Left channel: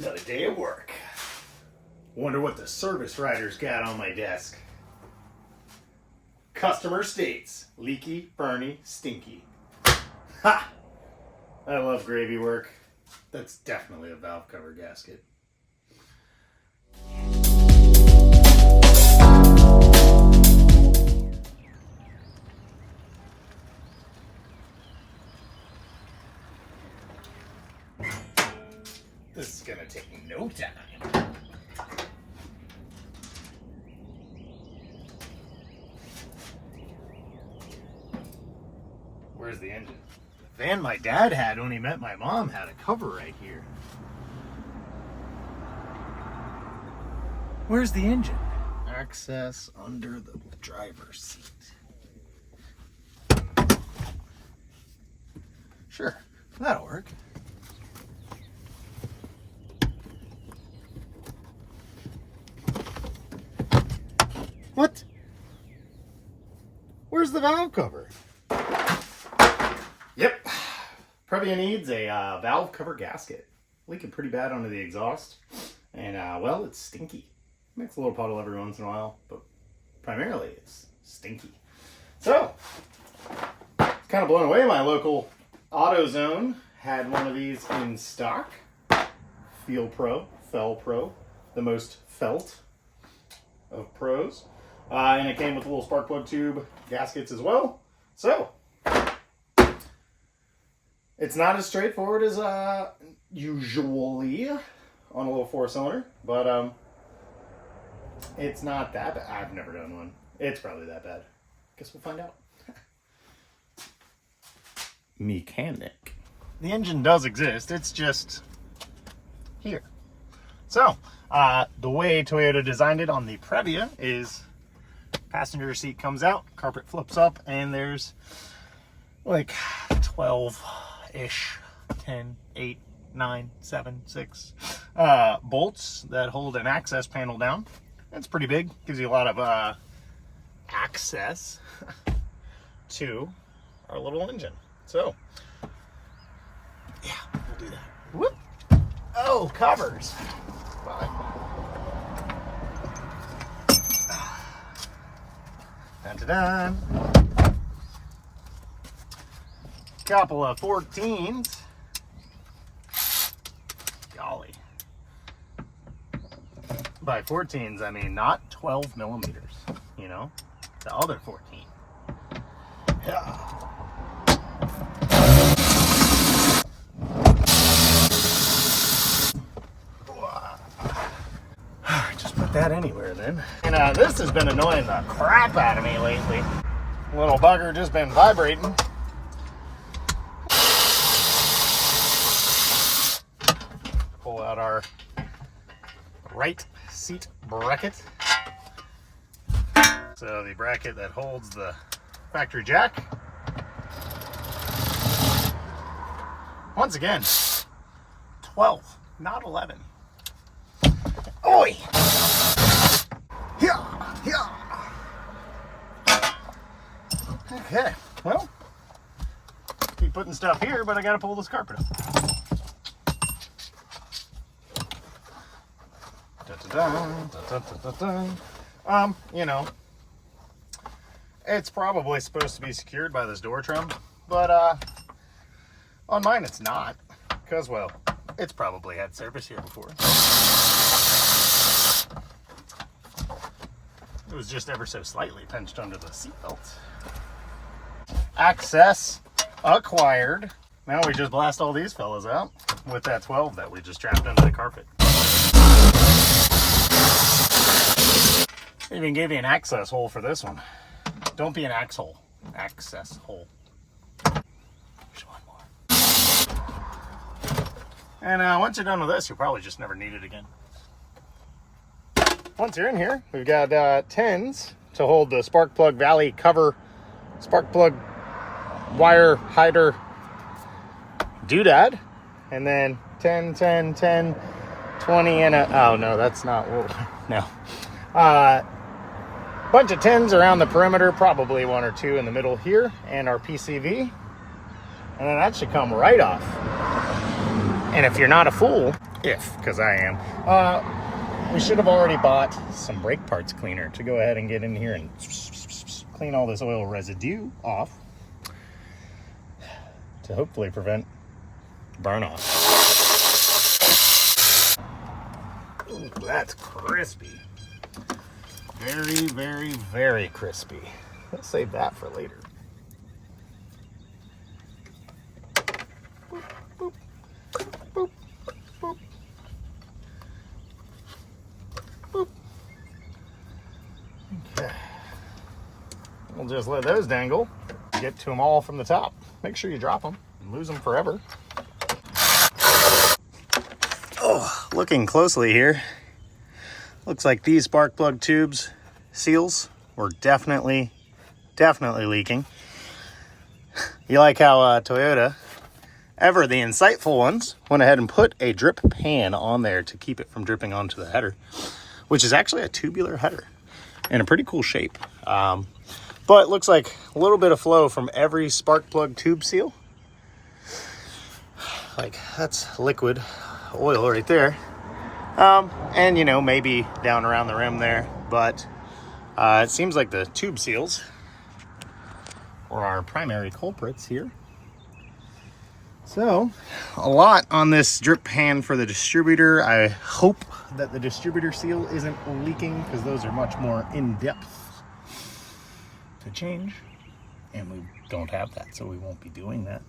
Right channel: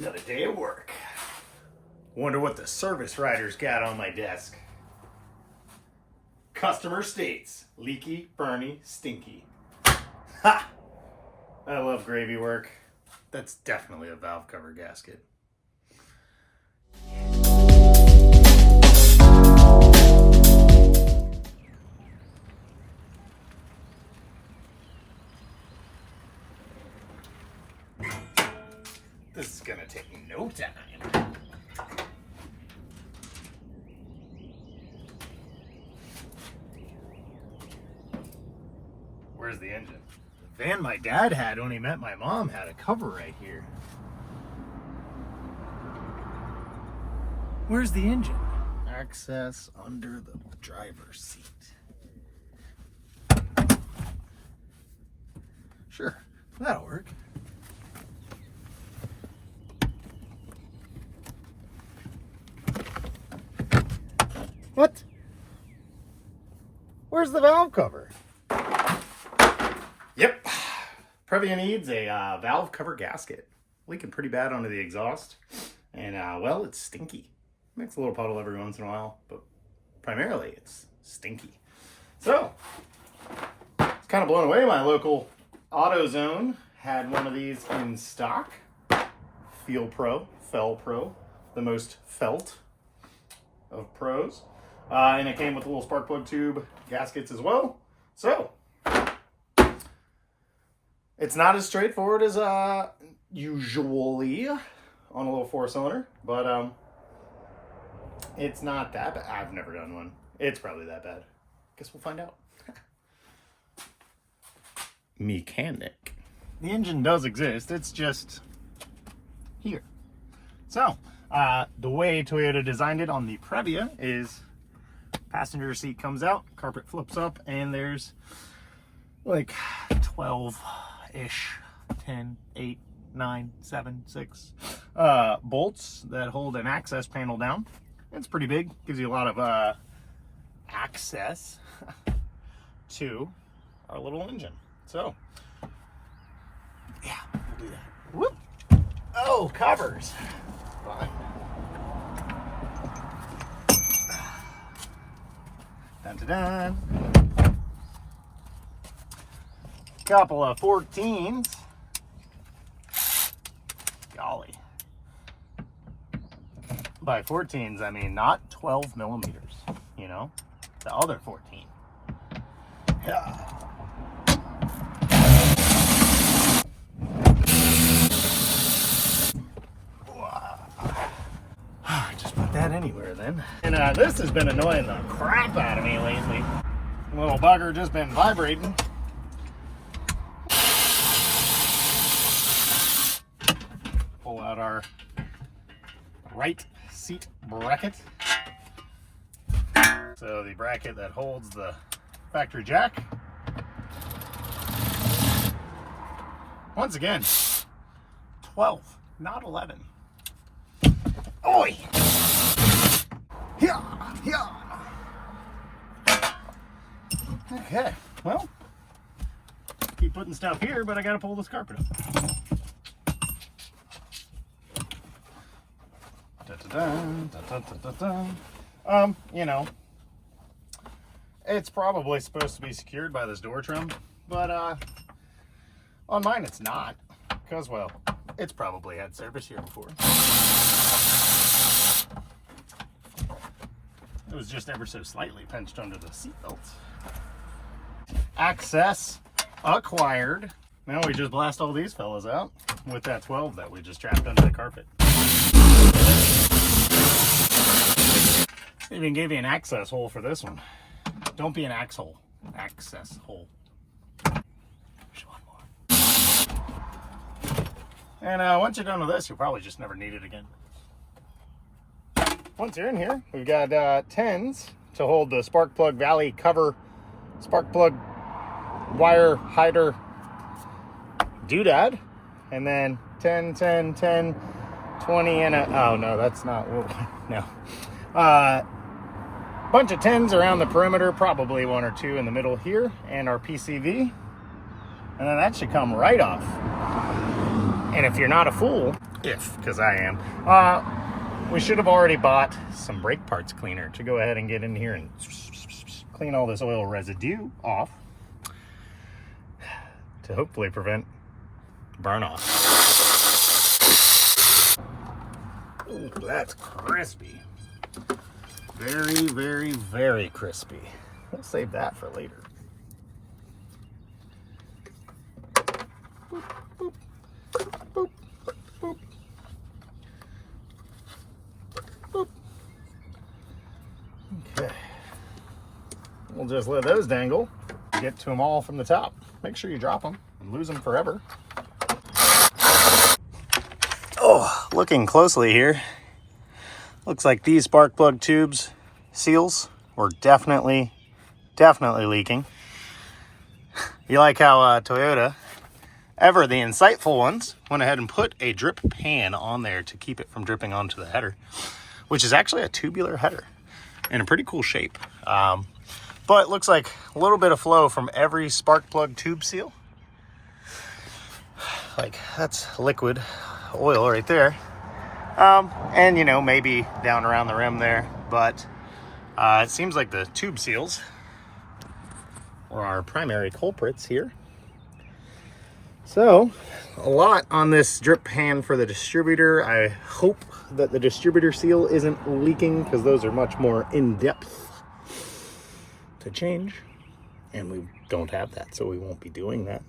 Another day of work. Wonder what the service writer's got on my desk. Customer states, leaky, burny, stinky. Ha! I love gravy work. That's definitely a valve cover gasket. This is gonna take no time. Where's the engine? The van my dad had when he met my mom had a cover right here. Where's the engine? Access under the driver's seat. Sure, that'll work. What? Where's the valve cover? Yep. Previa needs a valve cover gasket. Leaking pretty bad onto the exhaust. And, well, it's stinky. Makes a little puddle every once in a while, but primarily it's stinky. So, kind of blown away. My local AutoZone had one of these in stock. Feel Pro, the most felt of pros. And it came with a little spark plug tube gaskets as well. So, it's not as straightforward as usually on a little 4-cylinder, but it's not that bad. I've never done one. It's probably that bad. Guess we'll find out. Mechanic. The engine does exist. It's just here. So, the way Toyota designed it on the Previa is passenger seat comes out, carpet flips up, and there's like 12-ish, 10, 8, 9, 7, 6 bolts that hold an access panel down. It's pretty big, gives you a lot of access to our little engine. So, yeah, we'll do that. Whoop! Oh, covers. Fine. Dun-dun-dun. Couple of 14s. Golly. By 14s, I mean not 12 millimeters, you know? The other 14. Yeah. Just put that anywhere then. And this has been annoying the crap out of me lately. Little bugger just been vibrating. Pull out our right seat bracket. So the bracket that holds the factory jack. Once again, 12, not 11. Oi! Yeah, yeah. Okay, well, keep putting stuff here, but I gotta pull this carpet up. You know, it's probably supposed to be secured by this door trim, but on mine it's not, because, well, it's probably had service here before. It was just ever so slightly pinched under the seatbelt. Access acquired. Now we just blast all these fellas out with that 12 that we just trapped under the carpet. Even gave you an access hole for this one. Don't be an axe hole. Access hole. There's one more. And once you're done with this, you'll probably just never need it again. Once you're in here, we've got 10s to hold the spark plug valley cover, spark plug wire hider doodad, and then 10, 10, 10, 20, and oh no, that's not what no. Bunch of 10s around the perimeter, probably 1 or 2 in the middle here, and our PCV, and then that should come right off. And if you're not a fool, because I am. We should have already bought some brake parts cleaner to go ahead and get in here and clean all this oil residue off to hopefully prevent burn off. Ooh, that's crispy. Very, very, very crispy. Let's save that for later. Boop, boop, boop, boop, boop. Okay. We'll just let those dangle. Get to them all from the top. Make sure you drop them and lose them forever. Oh, looking closely here, looks like these spark plug tubes seals were definitely leaking. You like how Toyota, ever the insightful ones, went ahead and put a drip pan on there to keep it from dripping onto the header, which is actually a tubular header in a pretty cool shape. But it looks like a little bit of flow from every spark plug tube seal. Like, that's liquid oil right there. And, you know, maybe down around the rim there. But it seems like the tube seals were our primary culprits here. So, a lot on this drip pan for the distributor. I hope that the distributor seal isn't leaking, because those are much more in-depth to change, and we don't have that, so we won't be doing that.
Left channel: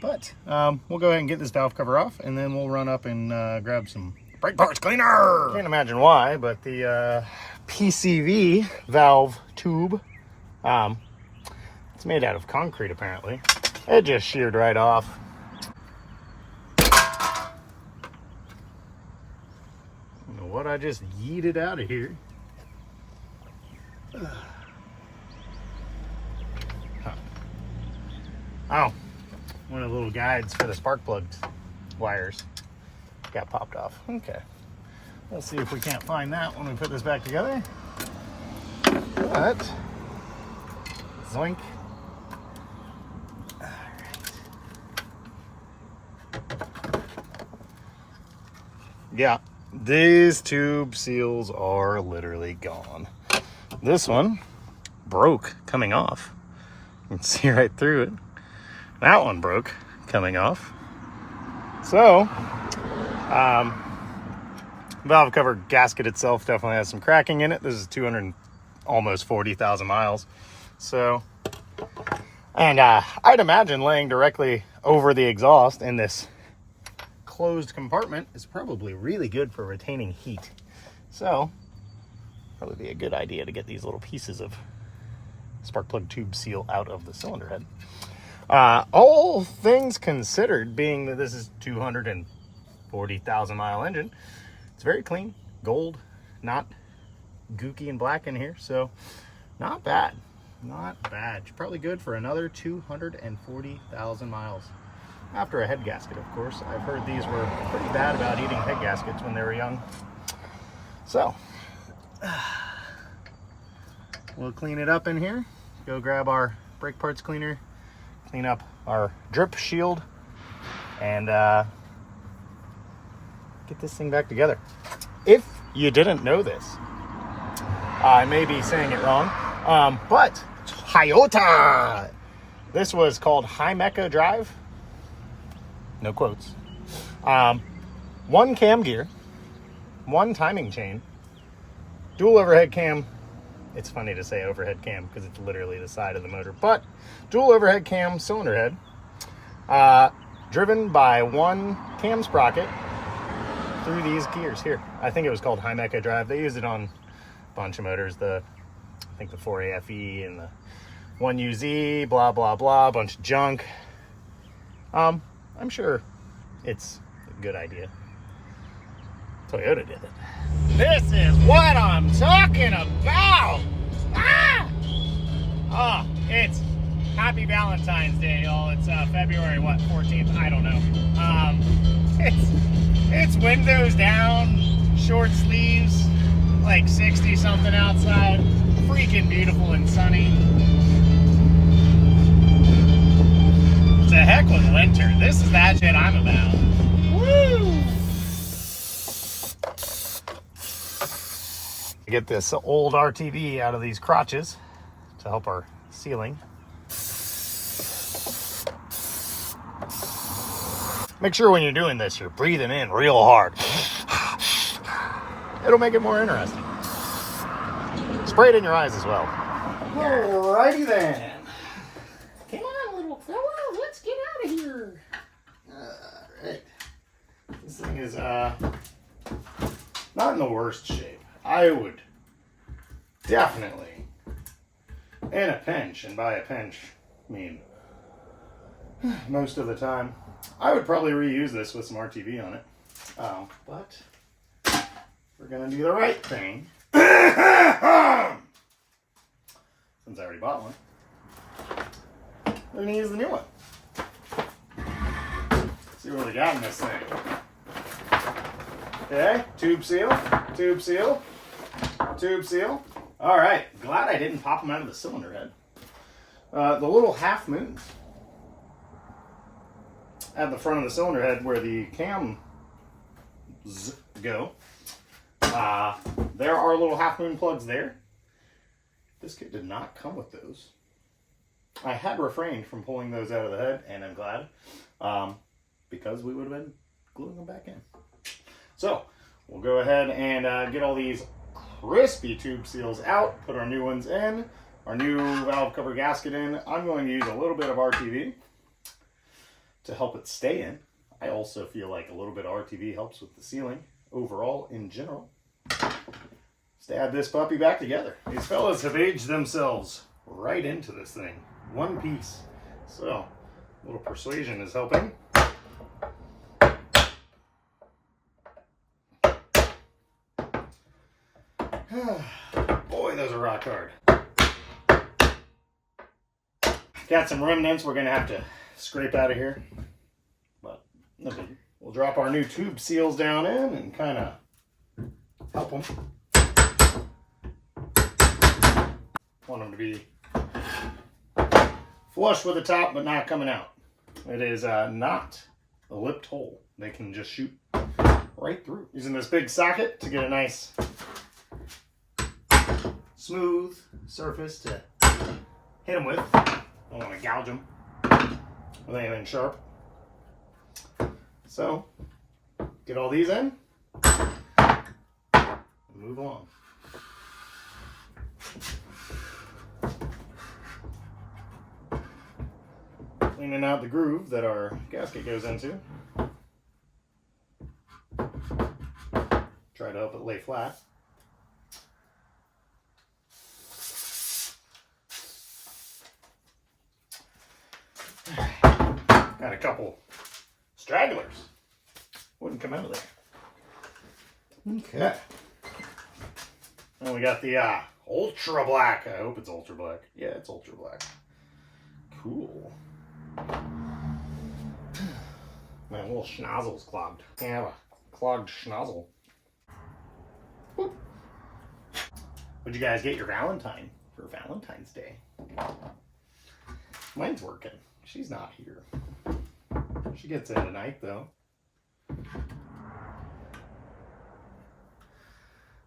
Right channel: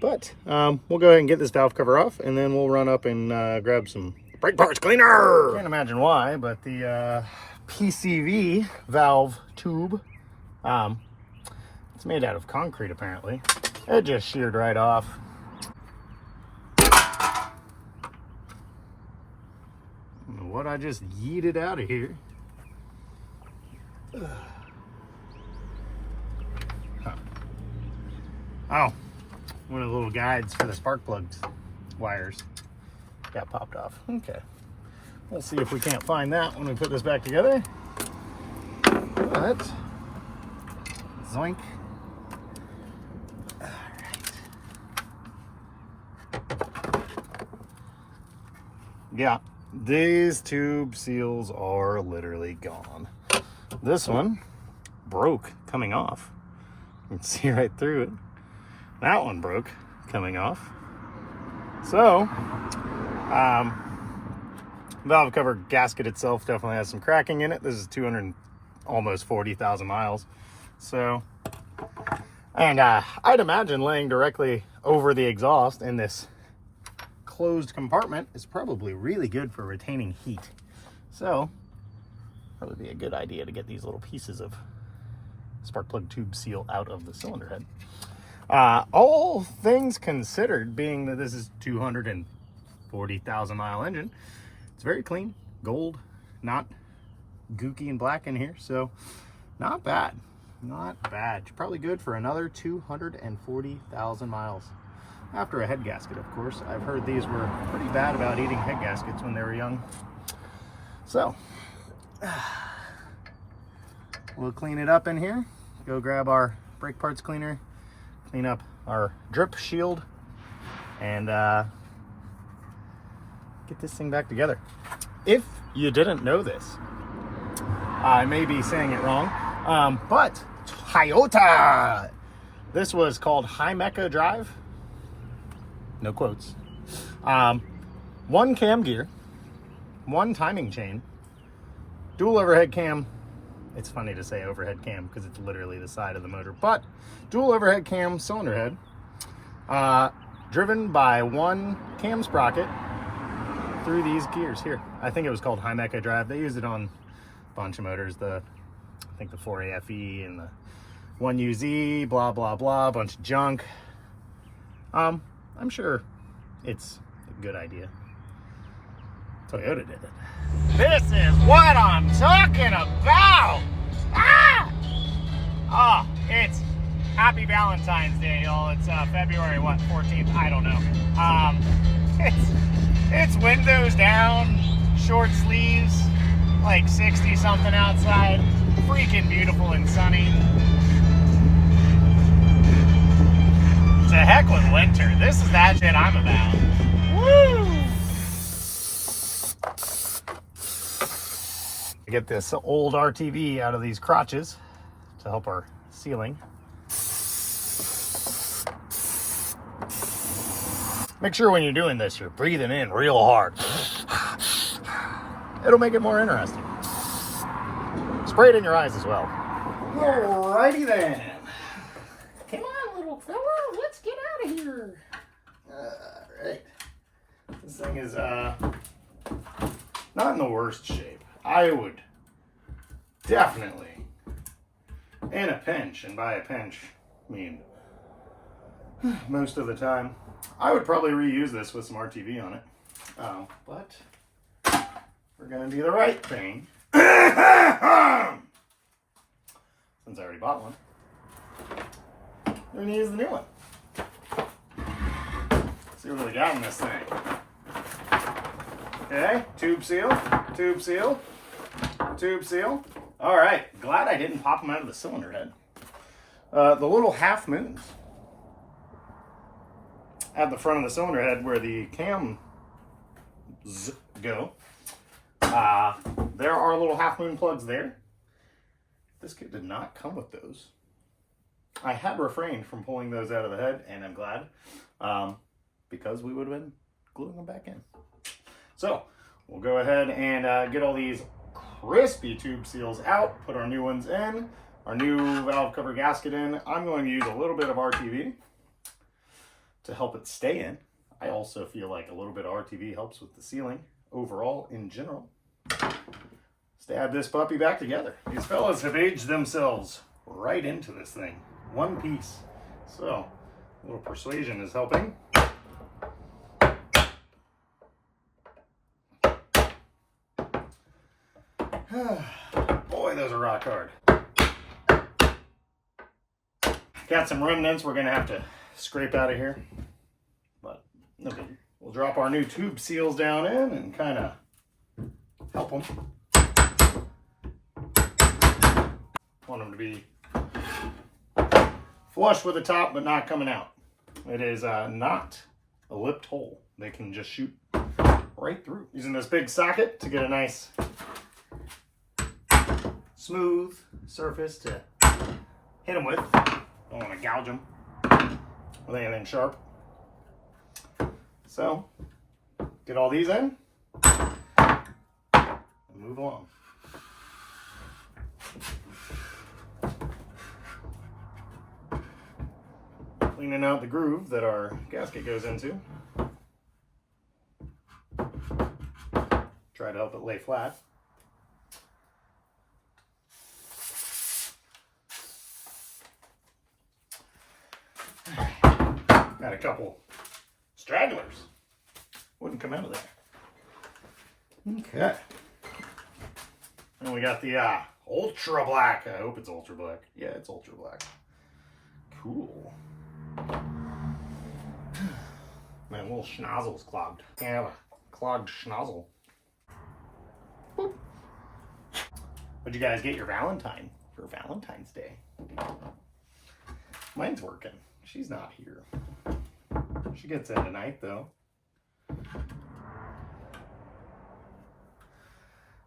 But we'll go ahead and get this valve cover off, and then we'll run up and grab some brake parts cleaner. Can't imagine why, but the PCV valve tube, it's made out of concrete apparently. It just sheared right off. What I just yeeted out of here. Oh, one of the little guides for the spark plugs wires got popped off. Okay, let's see if we can't find that when we put this back together. But zoink. All right. Yeah, these tube seals are literally gone. This one broke coming off. You can see right through it. That one broke coming off. So, valve cover gasket itself definitely has some cracking in it. This is 200, almost 40,000 miles. So, and I'd imagine laying directly over the exhaust in this closed compartment is probably really good for retaining heat. So, probably be a good idea to get these little pieces of spark plug tube seal out of the cylinder head. All things considered, being that this is 240,000 mile engine, it's very clean, gold, not gooky and black in here, so not bad, not bad. Probably good for another 240,000 miles. After a head gasket, of course. I've heard these were pretty bad about eating head gaskets when they were young. So, we'll clean it up in here, go grab our brake parts cleaner, clean up our drip shield, and get this thing back together. If you didn't know this, I may be saying it wrong, but Toyota, this was called High-Mecha Drive, no quotes, one cam gear, one timing chain, dual overhead cam. It's funny to say overhead cam because it's literally the side of the motor, but dual overhead cam cylinder head, driven by one cam sprocket through these gears here. I think it was called High-Mecha Drive. They use it on a bunch of motors, I think the 4AFE and the 1UZ, blah, blah, blah, a bunch of junk. I'm sure it's a good idea. Toyota did it. This is what I'm talking about! Ah! Oh, it's Happy Valentine's Day, y'all. It's February, what, 14th? I don't know. It's windows down, short sleeves, like 60 something outside. Freaking beautiful and sunny. To heck with winter. This is that shit I'm about. Woo! Get this old RTV out of these crotches to help our sealing. Make sure when you're doing this, you're breathing in real hard. It'll make it more interesting. Spray it in your eyes as well. Alrighty then. Come on, little fella, let's get out of here. Alright. This thing is not in the worst shape. I would definitely, in a pinch, and by a pinch, I mean most of the time, I would probably reuse this with some RTV on it. But we're gonna do the right thing. Since I already bought one, we're gonna use the new one. See what we got in this thing. Okay, tube seal, tube seal, tube seal. All right, glad I didn't pop them out of the cylinder head. The little half moons at the front of the cylinder head where the cams go. There are little half moon plugs there. This kit did not come with those. I had refrained from pulling those out of the head, and I'm glad, because we would have been gluing them back in. So we'll go ahead and get all these crispy tube seals out, put our new ones in, our new valve cover gasket in. I'm going to use a little bit of RTV to help it stay in. I also feel like a little bit of RTV helps with the sealing overall in general. Stab this puppy back together. These fellas have aged themselves right into this thing. One piece. So, a little persuasion is helping. Boy, those are rock hard. Got some remnants we're going to have to scrape out of here. But, no biggie. We'll drop our new tube seals down in and kind of help them. Want them to be flush with the top, but not coming out. It is not a lipped hole. They can just shoot right through. Using this big socket to get a nice smooth surface to hit them with. Don't want to gouge them with anything sharp. So, get all these in and move along. Cleaning out the groove that our gasket goes into. Try to help it lay flat. Got a couple stragglers. Wouldn't come out of there. Okay. And we got the ultra black. I hope it's ultra black. Yeah, it's ultra black. Cool. My little schnozzle's clogged. Can't have a clogged schnozzle. Boop. What'd you guys get your Valentine for Valentine's Day? Mine's working. She's not here. She gets in tonight, though.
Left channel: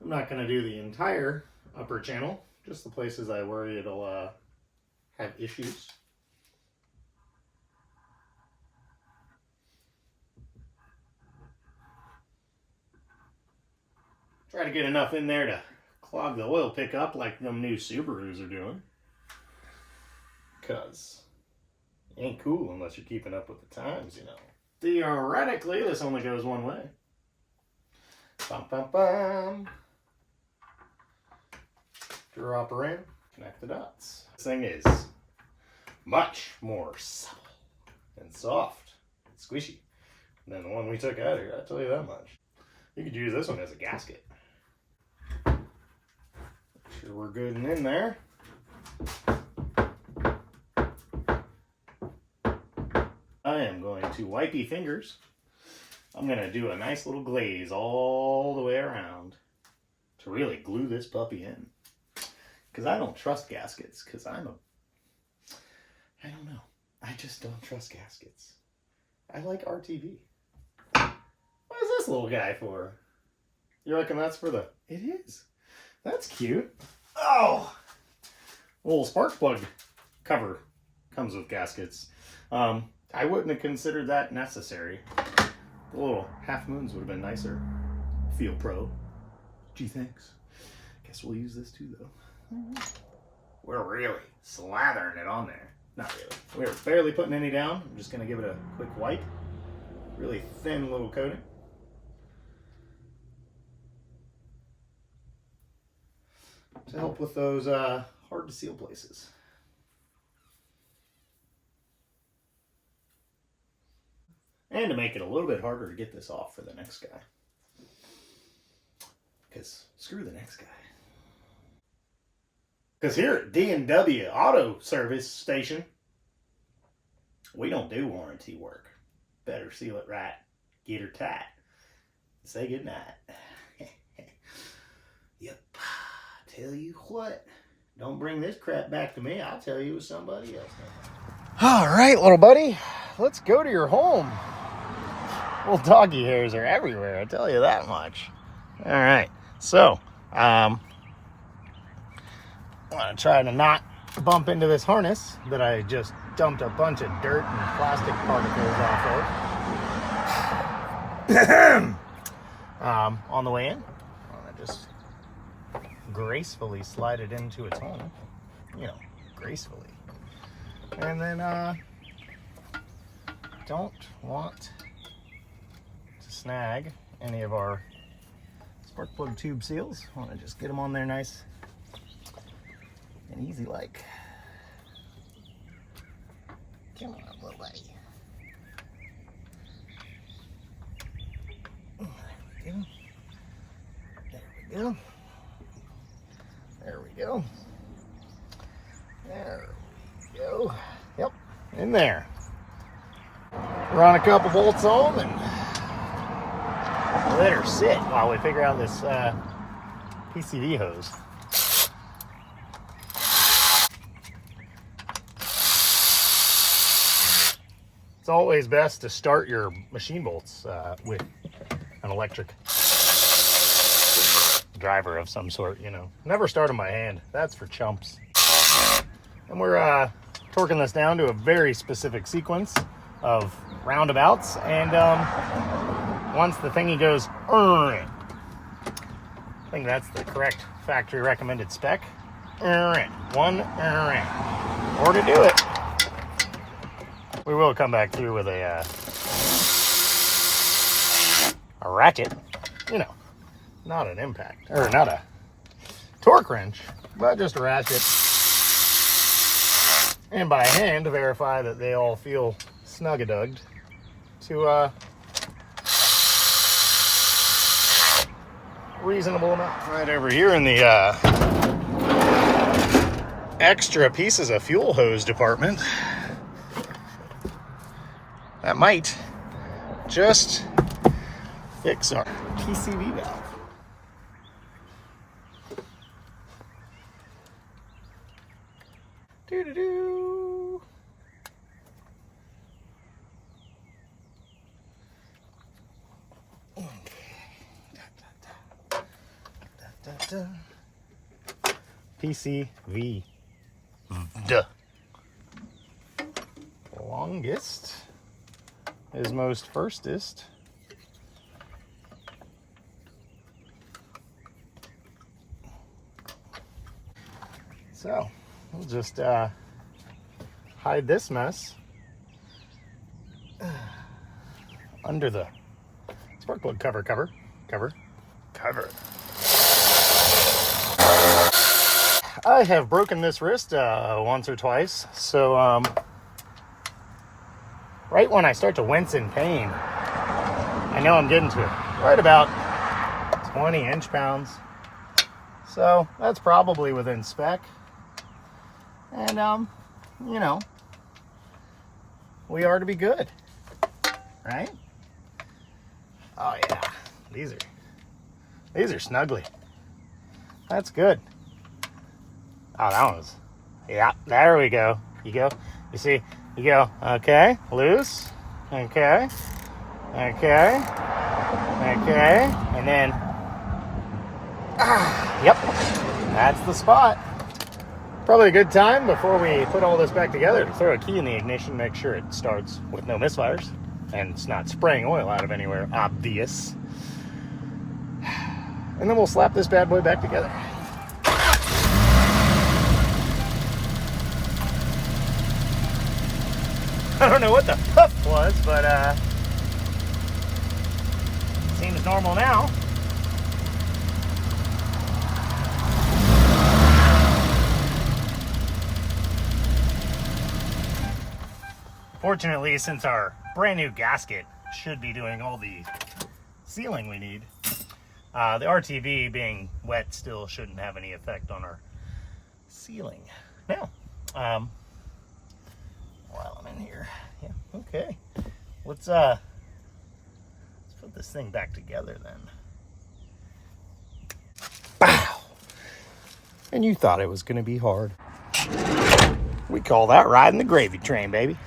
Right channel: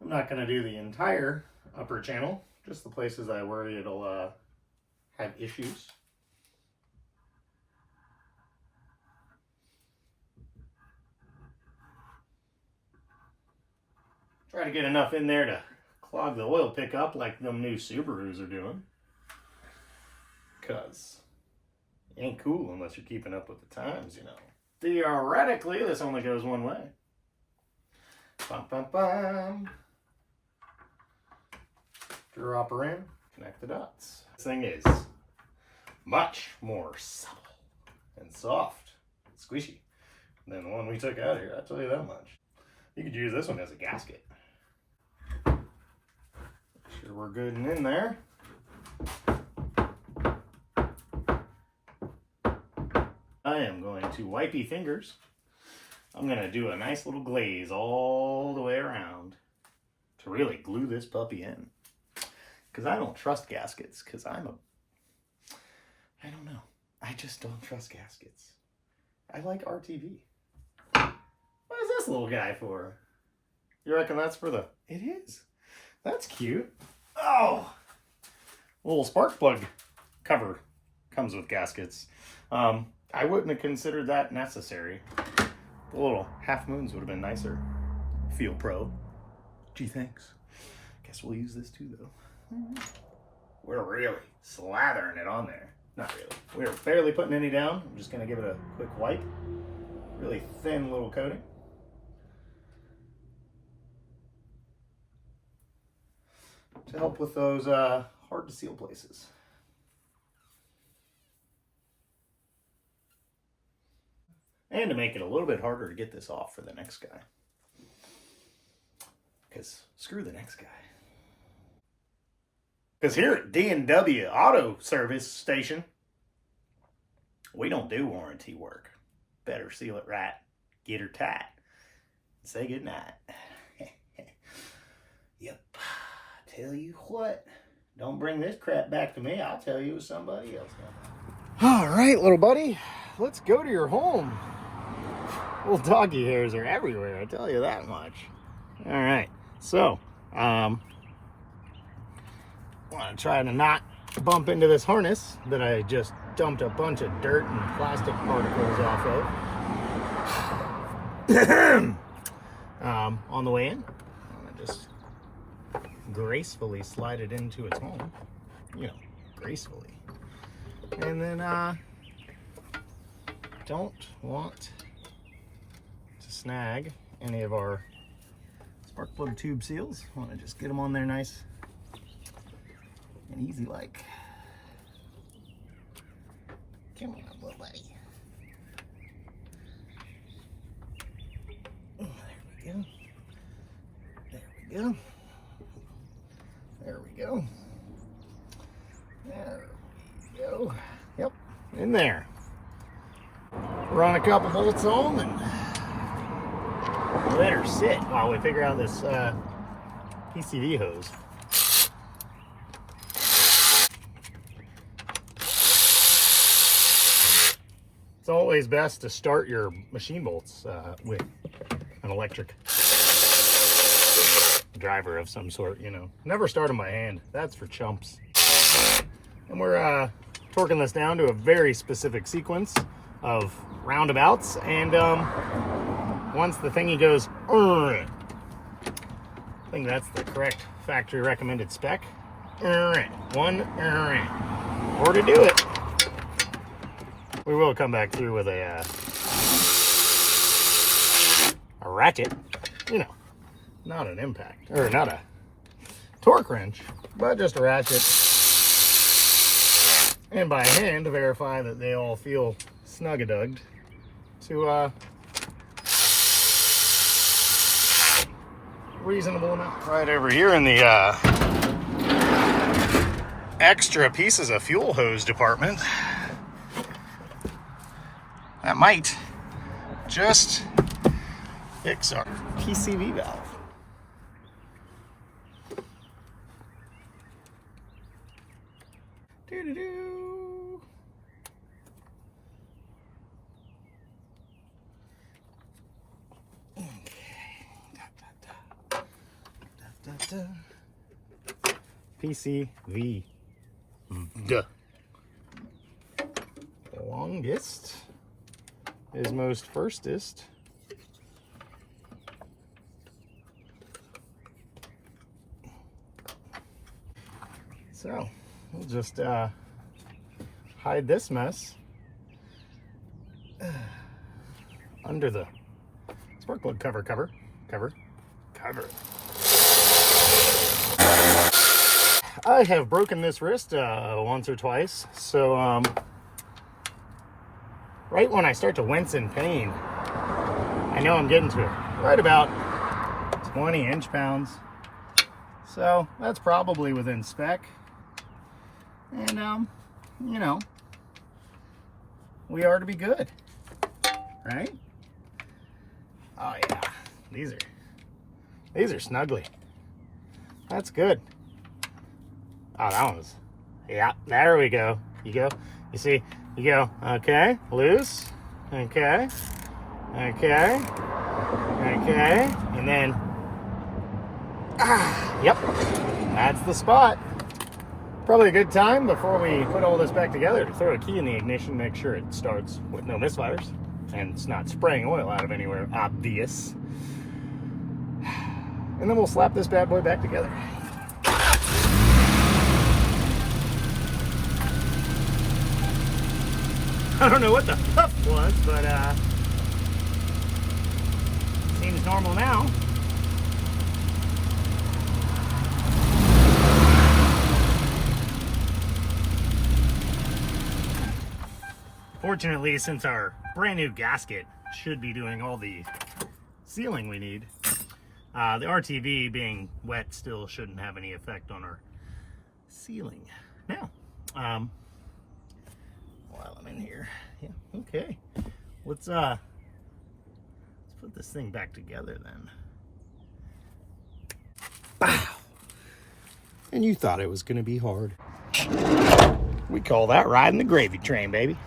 I'm not going to do the entire upper channel, just the places I worry it'll have issues. Try to get enough in there to clog the oil pickup like them new Subarus are doing. Because it ain't cool unless you're keeping up with the times, you know. Theoretically, this only goes one way. Bum, bum, bum. Dropper in, connect the dots. This thing is much more supple and soft and squishy than the one we took out of here, I'll tell you that much. You could use this one as a gasket. Make sure we're good and in there. I am going to wipey fingers. I'm going to do a nice little glaze all the way around to really glue this puppy in. Because I don't trust gaskets, because I don't know. I just don't trust gaskets. I like RTV. What is this little guy for? You reckon that's for the... It is. That's cute. Oh, little spark plug cover comes with gaskets. I wouldn't have considered that necessary. The little half moons would have been nicer. Feel pro. Gee, thanks. Guess we'll use this too, though. We're really slathering it on there. Not really. We're barely putting any down. I'm just going to give it a quick wipe. Really thin little coating. To help with those hard to seal places. And to make it a little bit harder to get this off for the next guy. Because screw the next guy. Because here at D&W Auto Service Station, we don't do warranty work. Better seal it right, get her tight, and say goodnight. Yep. Tell you what, don't bring this crap back to me. I'll tell you with somebody else. All right, little buddy, let's go to your home. Little doggy hairs are everywhere, I tell you that much. All right, so I'm gonna try to not bump into this harness that I just dumped a bunch of dirt and plastic particles off of. On the way in, I'm gonna just gracefully slide it into its home, you know, gracefully. And then don't want to snag any of our spark plug tube seals. I want to just get them on there nice and easy like. Come on, little buddy. There we go. There we go. There we go. There we go. Yep, in there. Run a couple bolts on and let her sit while we figure out this PCV hose. It's always best to start your machine bolts with an electric driver of some sort, you know. Never start them by hand. That's for chumps. And we're torquing this down to a very specific sequence of roundabouts. And once the thingy goes, I think that's the correct factory recommended spec. One, or to do it. We will come back through with a ratchet, you know, not an impact, or not a torque wrench, but just a ratchet. And by hand to verify that they all feel snug-a-dugged to reasonable amount. Right over here in the extra pieces of fuel hose department, that might just fix our PCV valve. Doo-doo-doo. Okay. PCV. Duh. Longest is most firstest. So we'll just hide this mess under the spark plug cover. I have broken this wrist once or twice, so right when I start to wince in pain, I know I'm getting to right about 20 inch-pounds. So that's probably within spec. And you know, we are to be good, right? Oh yeah, these are snuggly. That's good. Oh, that one's, yeah, there we go. You go, you see, you go, okay, loose, okay, and then Yep, that's the spot. Probably a good time before we put all this back together to throw a key in the ignition, make sure it starts with no misfires and it's not spraying oil out of anywhere obvious. And then we'll slap this bad boy back together. I don't know what the puff was, but seems normal now. Fortunately, since our brand new gasket should be doing all the sealing we need, the RTV being wet still shouldn't have any effect on our sealing. Now, while I'm in here, yeah, okay. Let's put this thing back together then. Bow! And you thought it was gonna be hard. We call that riding the gravy train, baby.